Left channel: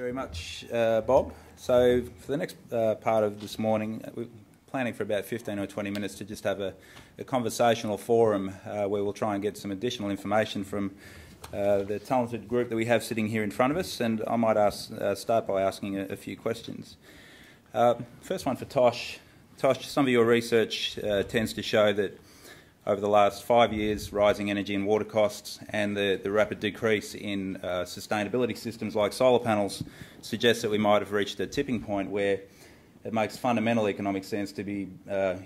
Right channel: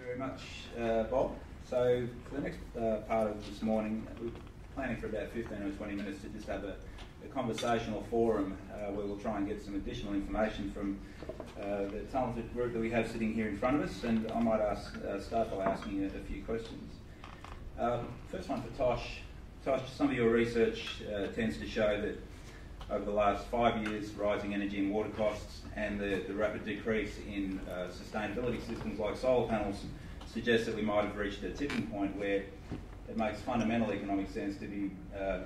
very much, Bob. So for the next part of this morning, we're planning for about 15 or 20 minutes to just have a conversational forum where we'll try and get some additional information from the talented group that we have sitting here in front of us, and I might start by asking a few questions. First one for Tosh. Tosh, some of your research tends to show that over the last 5 years, rising energy and water costs and the rapid decrease in sustainability systems like solar panels suggests that we might have reached a tipping point where it makes fundamental economic sense to be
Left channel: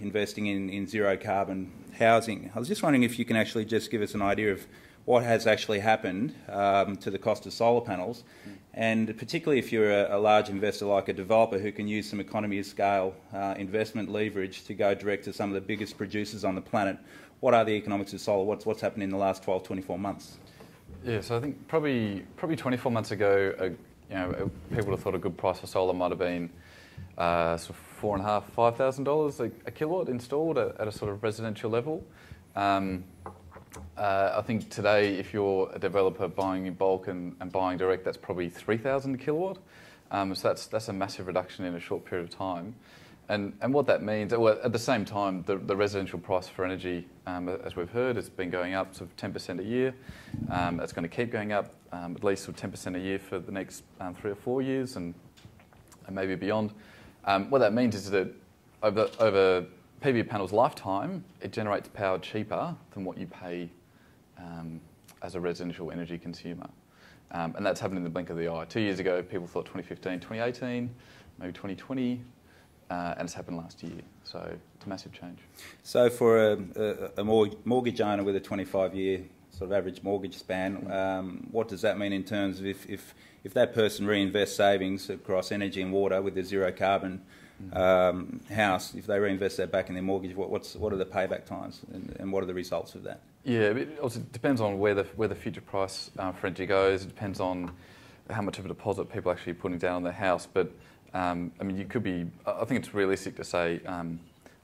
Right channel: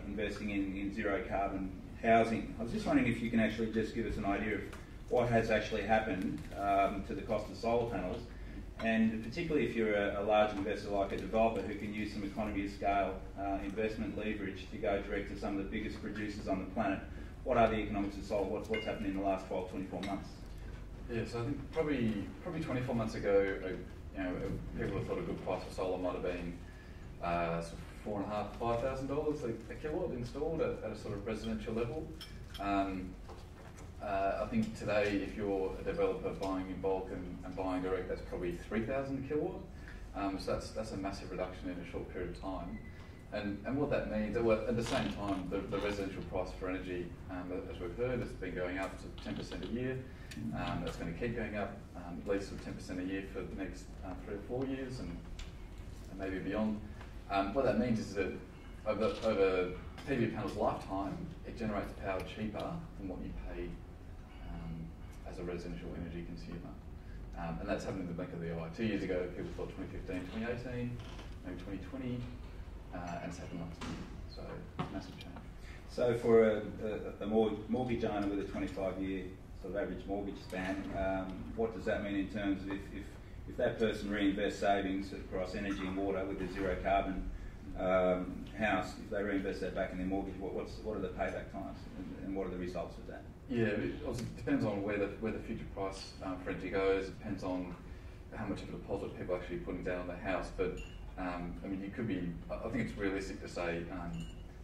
investing in zero carbon housing. I was just wondering if you can actually just give us an idea of what has actually happened to the cost of solar panels, and particularly if you're a large investor like a developer who can use some economy of scale investment leverage to go direct to some of the biggest producers on the planet. What are the economics of solar? What's happened in the last 12, 24 months? Yeah, so I think probably 24 months ago, people would have thought a good price for solar might have been sort of $4,500, $5,000 a kilowatt installed at a sort of residential level. I think today, if you're a developer buying in bulk and buying direct, that's probably 3,000 a kilowatt. So that's a massive reduction in a short period of time. And what that means, well, at the same time, the residential price for energy, as we've heard, has been going up sort of 10% a year. It's going to keep going up at least sort of 10% a year for the next 3 or 4 years and maybe beyond. What that means is that over PV panel's lifetime, it generates power cheaper than what you pay as a residential energy consumer. And that's happened in the blink of the eye. 2 years ago, people thought 2015, 2018, maybe 2020. And it's happened last year, so it's a massive change. So for a mortgage owner with a 25-year sort of average mortgage span, what does that mean in terms of if that person reinvests savings across energy and water with a zero carbon house, if they reinvest that back in their mortgage, what are the payback times and what are the results of that? Yeah, it also depends on where the future price for energy goes. It depends on how much of a deposit people are actually putting down on their house, but I mean, you could be, I think it's realistic to say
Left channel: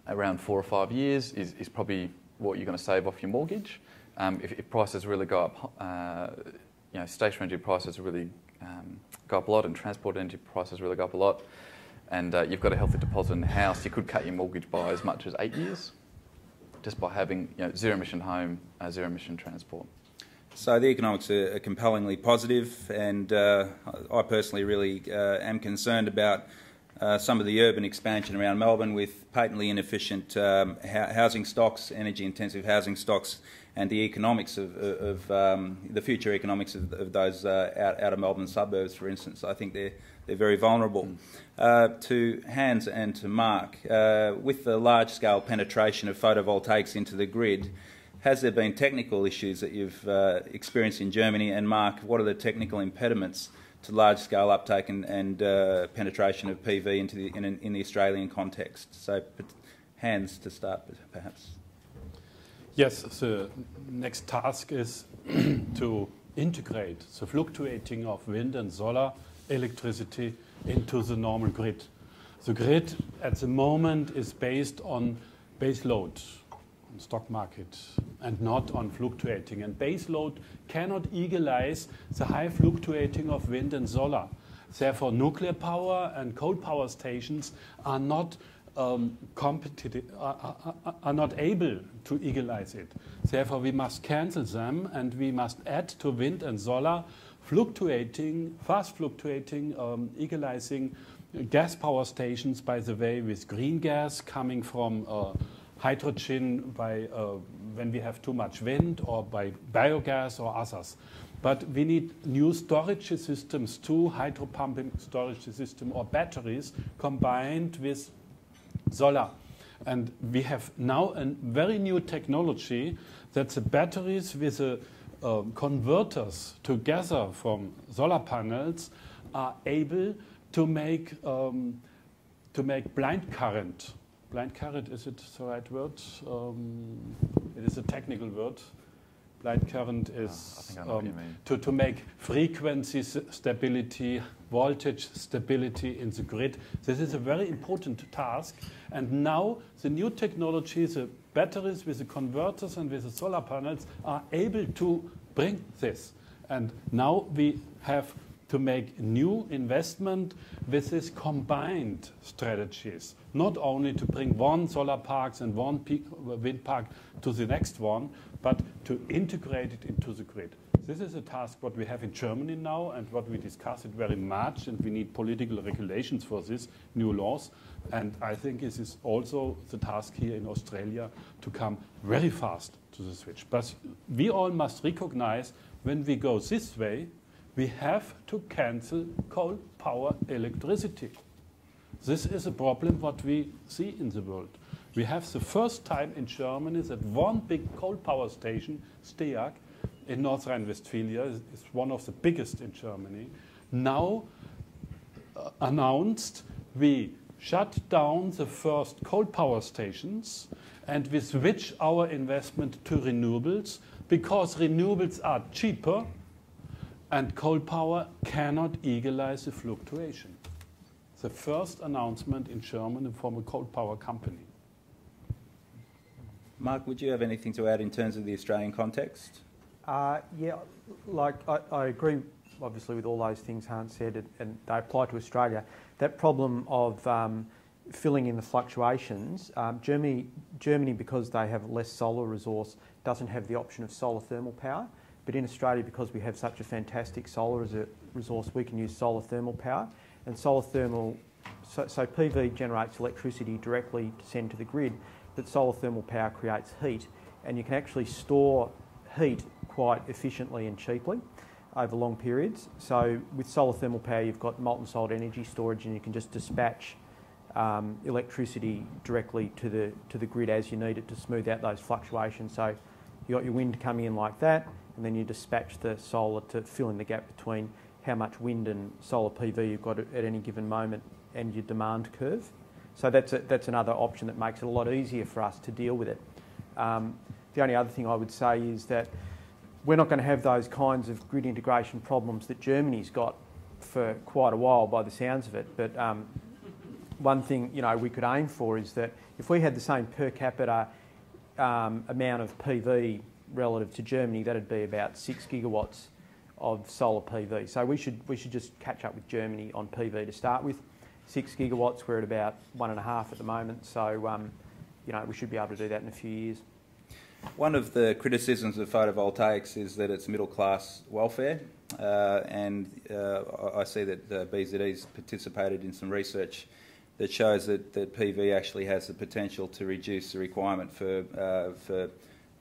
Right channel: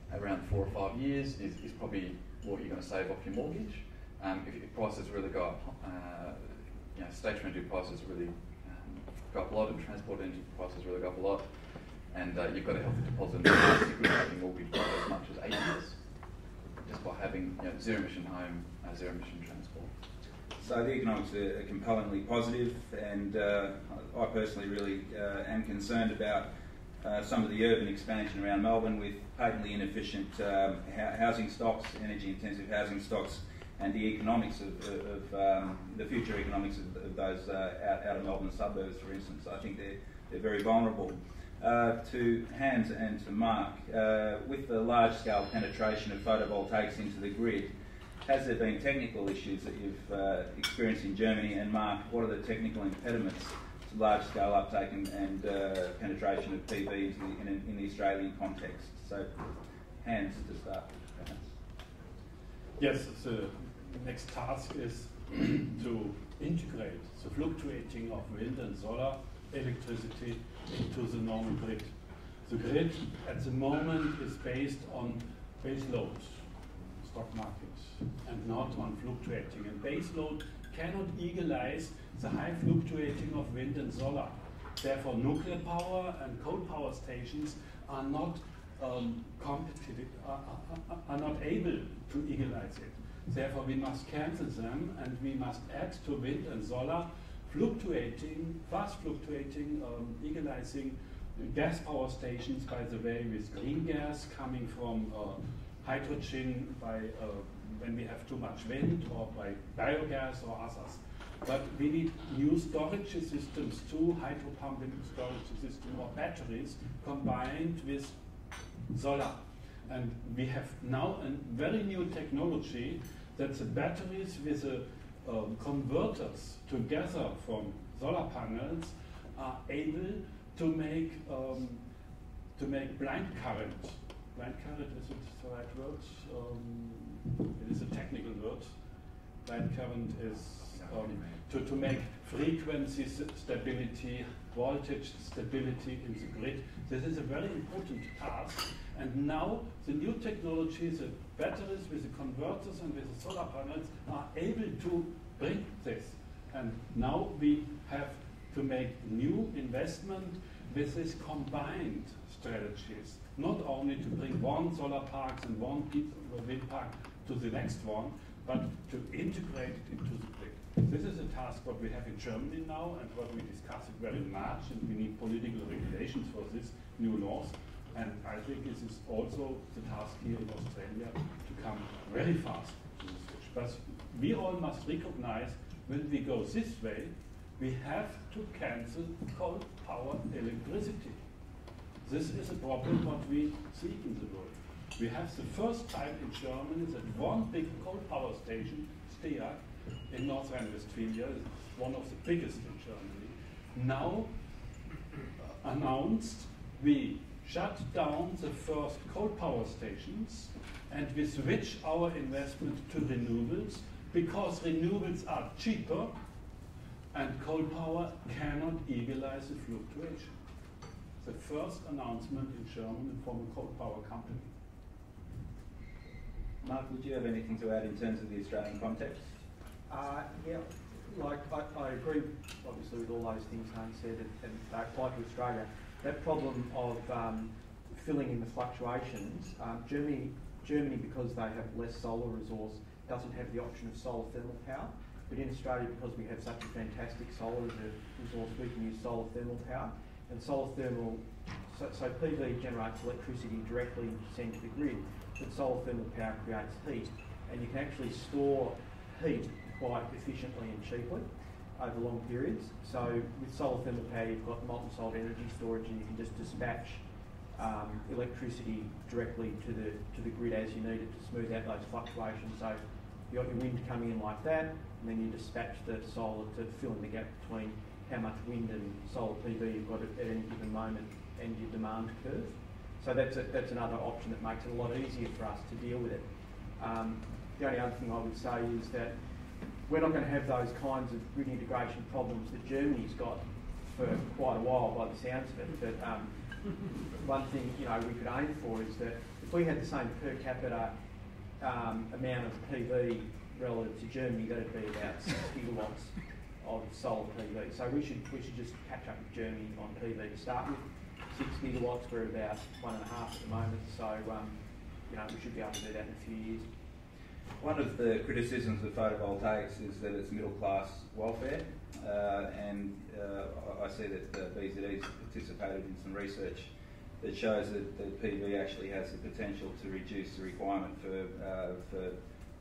around 4 or 5 years is probably what you're going to save off your mortgage. If prices really go up, stationary energy prices really go up a lot and transport energy prices really go up a lot, and you've got a healthy deposit in the house, you could cut your mortgage by as much as 8 years just by having zero emission home, zero emission transport. So the economics are compellingly positive, and I personally really am concerned about some of the urban expansion around Melbourne with patently inefficient housing stocks, energy-intensive housing stocks, and the economics of the future economics of those out of Melbourne suburbs, for instance. I think they're very vulnerable. To Hans and to Mark, with the large-scale penetration of photovoltaics into the grid, has there been technical issues that you've experienced in Germany? And Mark, what are the technical impediments to large-scale uptake and penetration of PV in the Australian context? So, Hans, to start with, perhaps. Yes, the next task is to integrate the fluctuating of wind and solar electricity into the normal grid. The grid at the moment is based on base load, stock market, and not on fluctuating. And base load cannot equalize the high fluctuating of wind and solar. Therefore, nuclear power and coal power stations are not competitive, are not able to equalize it. Therefore, we must cancel them, and we must add to wind and solar fluctuating, fast fluctuating, equalizing gas power stations, by the way, with green gas coming from hydrogen by when we have too much wind, or by biogas or others. But we need new storage systems too, hydro pumping storage system or batteries combined with solar. And we have now a very new technology that the batteries with the converters together from solar panels are able to make blind current. Blind current, is it the right word? It is a technical word. Blind current is to make frequency stability, voltage stability in the grid. This is a very important task. And now the new technology, the batteries with the converters and with the solar panels, are able to bring this. And now we have to make new investment with these combined strategies, not only to bring one solar parks and one wind park to the next one, but to integrate it into the grid. This is a task what we have in Germany now and what we discuss it very much, and we need political regulations for this, new laws. And I think this is also the task here in Australia to come very fast to the switch. But we all must recognize when we go this way, we have to cancel coal power electricity. This is a problem what we see in the world. We have the first time in Germany that one big coal power station, Steag, in North Rhine-Westphalia, is one of the biggest in Germany, now announced we shut down the first coal power stations and we switch our investment to renewables because renewables are cheaper and coal power cannot equalize the fluctuation. The first announcement in Germany from a coal power company. Mark, would you have anything to add in terms of the Australian context? Yeah, like I agree obviously with all those things Hans said, and they apply to Australia. That problem of filling in the fluctuations, Germany, because they have less solar resource, doesn't have the option of solar thermal power. But in Australia, because we have such a fantastic solar as a resource, we can use solar thermal power. And solar thermal, so PV generates electricity directly to send to the grid, but solar thermal power creates heat. And you can actually store heat quite efficiently and cheaply over long periods. So with solar thermal power, you've got molten salt energy storage, and you can just dispatch electricity directly to the grid as you need it to smooth out those fluctuations. So you got your wind coming in like that, and then you dispatch the solar to fill in the gap between how much wind and solar PV you've got at any given moment and your demand curve. So that's another option that makes it a lot easier for us to deal with it. The only other thing I would say is that we're not going to have those kinds of grid integration problems that Germany's got for quite a while by the sounds of it. But one thing we could aim for is that if we had the same per capita amount of PV relative to Germany, that'd be about 6 gigawatts of solar PV. So we should just catch up with Germany on PV to start with. 6 gigawatts, we're at about 1.5 at the moment. So we should be able to do that in a few years. One of the criticisms of photovoltaics is that it's middle class welfare, and I see that BZE's participated in some research that shows that PV actually has the potential to reduce the requirement for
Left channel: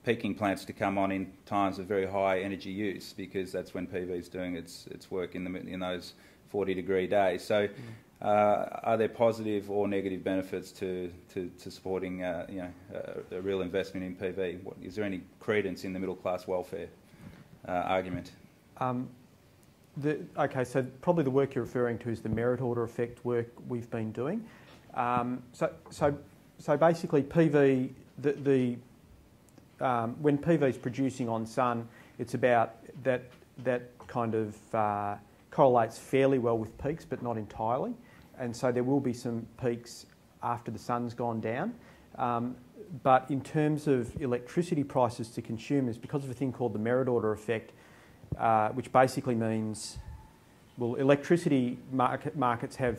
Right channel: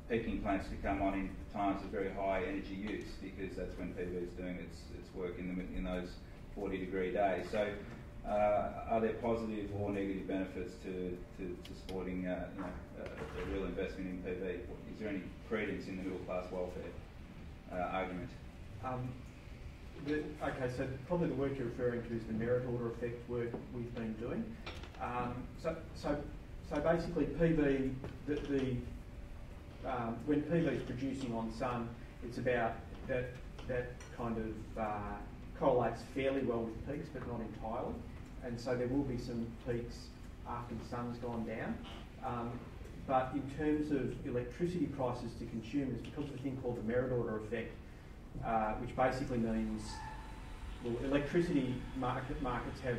peaking plants to come on in times of very high energy use, because that's when PV is doing its work in those 40-degree days. So, are there positive or negative benefits to supporting a real investment in PV? Is there any credence in the middle class welfare argument? Okay, so probably the work you're referring to is the merit order effect work we've been doing. So basically, PV when PV is producing on sun, it's about that kind of correlates fairly well with peaks, but not entirely. And so there will be some peaks after the sun's gone down. But in terms of electricity prices to consumers, because of a thing called the merit order effect, which basically means, well, electricity markets have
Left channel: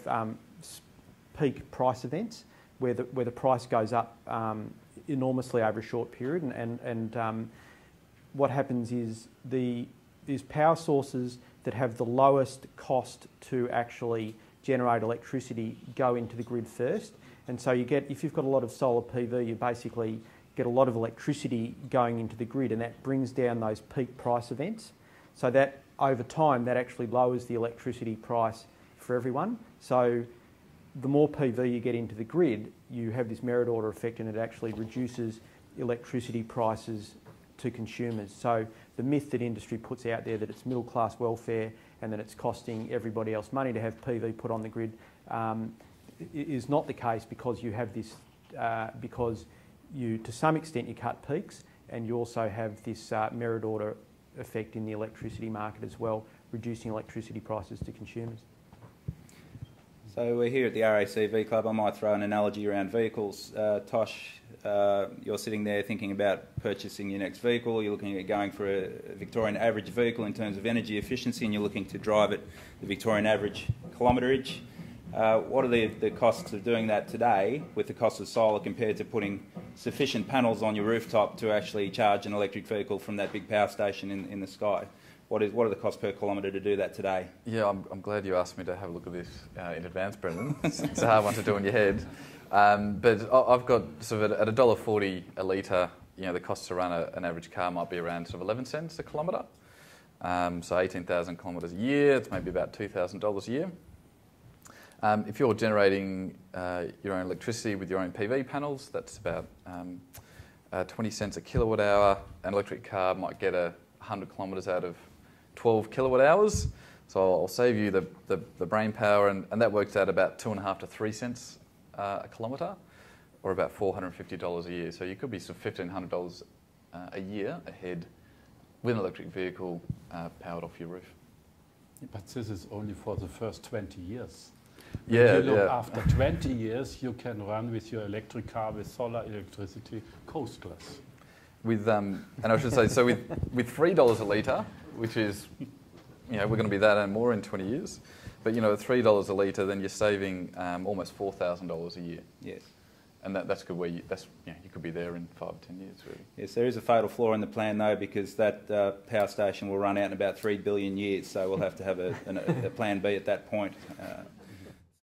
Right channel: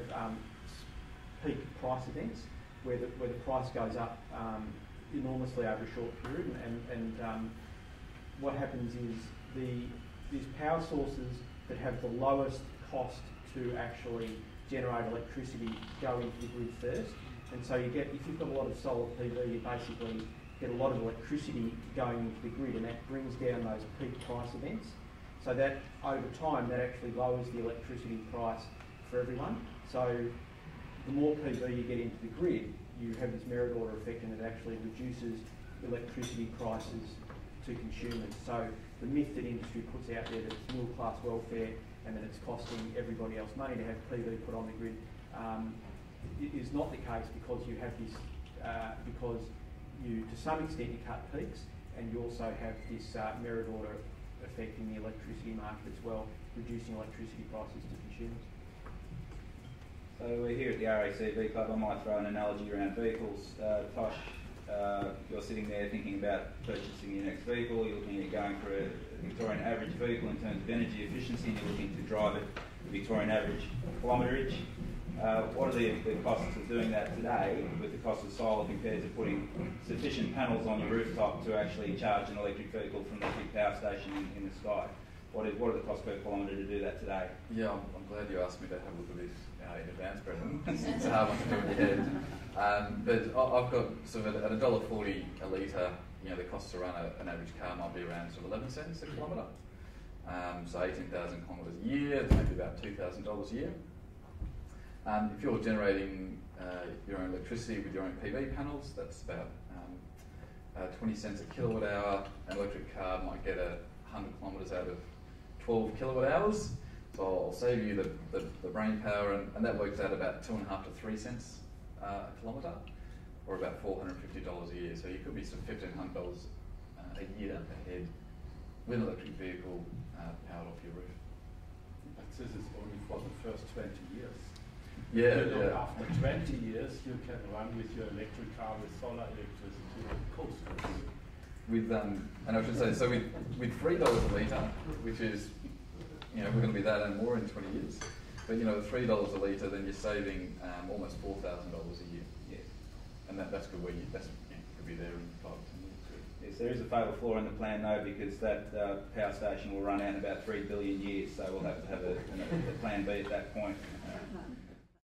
peak price events where the price goes up enormously over a short period, and what happens is power sources that have the lowest cost to actually generate electricity go into the grid first. And so if you've got a lot of solar PV, you basically get a lot of electricity going into the grid, and that brings down those peak price events. So that over time, that actually lowers the electricity price for everyone. So the more PV you get into the grid, you have this merit order effect, and it actually reduces electricity prices to consumers. So the myth that industry puts out there that it's middle class welfare and that it's costing everybody else money to have PV put on the grid is not the case, because you have this, because to some extent you cut peaks, and you also have this merit order effect in the electricity market as well, reducing electricity prices to consumers. So we're here at the RACV Club. I might throw an analogy around vehicles. Tosh, you're sitting there thinking about purchasing your next vehicle. You're looking at going for a Victorian average vehicle in terms of energy efficiency, and you're looking to drive it the Victorian average kilometrage. What are the costs of doing that today with the cost of solar compared to putting sufficient panels on your rooftop to actually charge an electric vehicle from that big power station in the sky? What are the costs per kilometre to do that today? Yeah, I'm glad you asked me to have a look at this in advance, Brendan. It's a hard one to do in your head. But I've got sort of at $1.40 a litre, the cost to run an average car might be around sort of 11 cents a kilometre. So 18,000 kilometres a year, it's maybe about $2,000 a year. If you're generating your own electricity with your own PV panels, that's about 20 cents a kilowatt hour. An electric car might get 100 kilometres out of 12 kilowatt hours. So I'll save you the brain power, and that works out about 2.5 to 3 cents a kilometre, or about $450 a year. So you could be sort of $1,500 a year ahead with an electric vehicle powered off your roof. But this is only for the first 20 years. Yeah, You look yeah. after 20 years, you can run with your electric car with solar electricity coasters. With and I should say, so with $3 a litre, which is, we're going to be that and more in 20 years. But at $3 a litre, then you're saving almost $4,000 a year. Yes. And that's good. You could be there in 5 or 10 years. Really. Yes, there is a fatal flaw in the plan though, because that power station will run out in about 3 billion years, so we'll have to have a plan B at that point.